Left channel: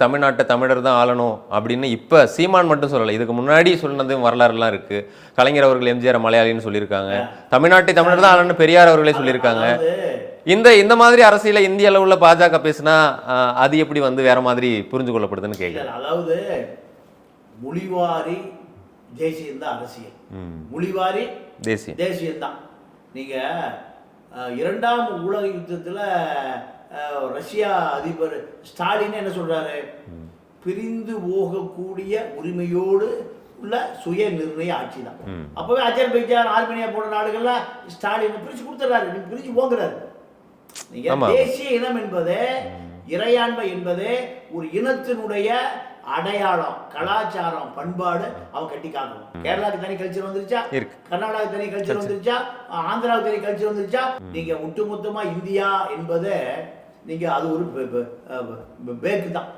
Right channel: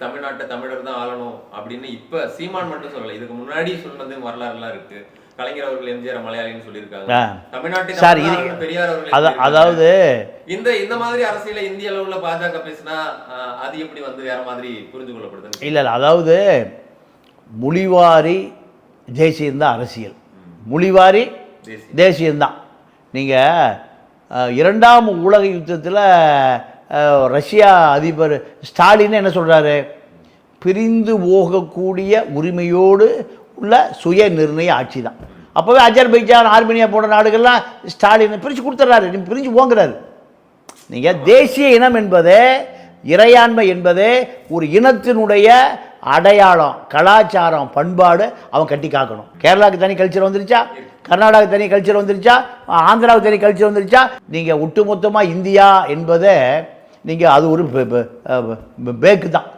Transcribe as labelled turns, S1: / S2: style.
S1: தமிழ்நாட்டை தமிழர் தான் ஆளணும் அப்படின்னு இப்ப சீமான் மட்டும் சொல்லல. இதுக்கு முன்னாடி சொன்னது வரலாறுலாம் இருக்கு. கலைஞர் அவர்கள் எம்ஜிஆர் மலையாளின்னு சொல்லியிருக்காங்க. தமிழ்நாட்டை தமிழர் தான் ஆளணும் பெரியார் அவர்களே சொல்லியிருக்காங்க.
S2: அதாவது
S1: இந்த இந்த மாதிரி அரசியல இந்திய அளவுல பாஜக பேசினா அது எப்படி வந்து வேற மாதிரி புரிஞ்சு கொள்ளப்படுதுன்னு
S2: இல்லை அதாவது மொழிவாரி தேசியம்தான் அரசியல். மொழிவாரி
S1: தேசியம்.
S2: தேசியம்தான் நீங்கள் இரண்டாம் உலக யுத்தத்தில் ரஷ்யா அதிபர் ஸ்டாலின் என்ன சொல்கிறாரு பிரிந்து போகக்கூடிய உரிமையோடு உள்ள சுய நிர்ணய ஆட்சி தான். அப்போவே அஜர்பைஜான் ஆர்மேனியா போன்ற நாடுகள்லாம் ஸ்டாலின் பிரித்து கொடுத்துட்றாரு நீ பிரிஞ்சு போங்கிறாரு. நீங்கள். தேசிய இனம் என்பதே இறையாண்மை என்பதே ஒரு இனத்தினுடைய அடையாளம் கலாச்சாரம் பண்பாடு அவன் கட்டி காக்கணும். கேரளாவுக்கு தனி கல்ச்சர் வந்துருச்சா. கர்நாடகாவுக்கு தனி கல்ச்சர் வந்துருச்சா? ஆந்திராவுக்கு தனி கல்ச்சர் வந்துருச்சா? நீங்கள் ஒட்டுமொத்தமாக இந்தியா என்பதை நீங்கள் அது ஒரு பேக்கு தான்.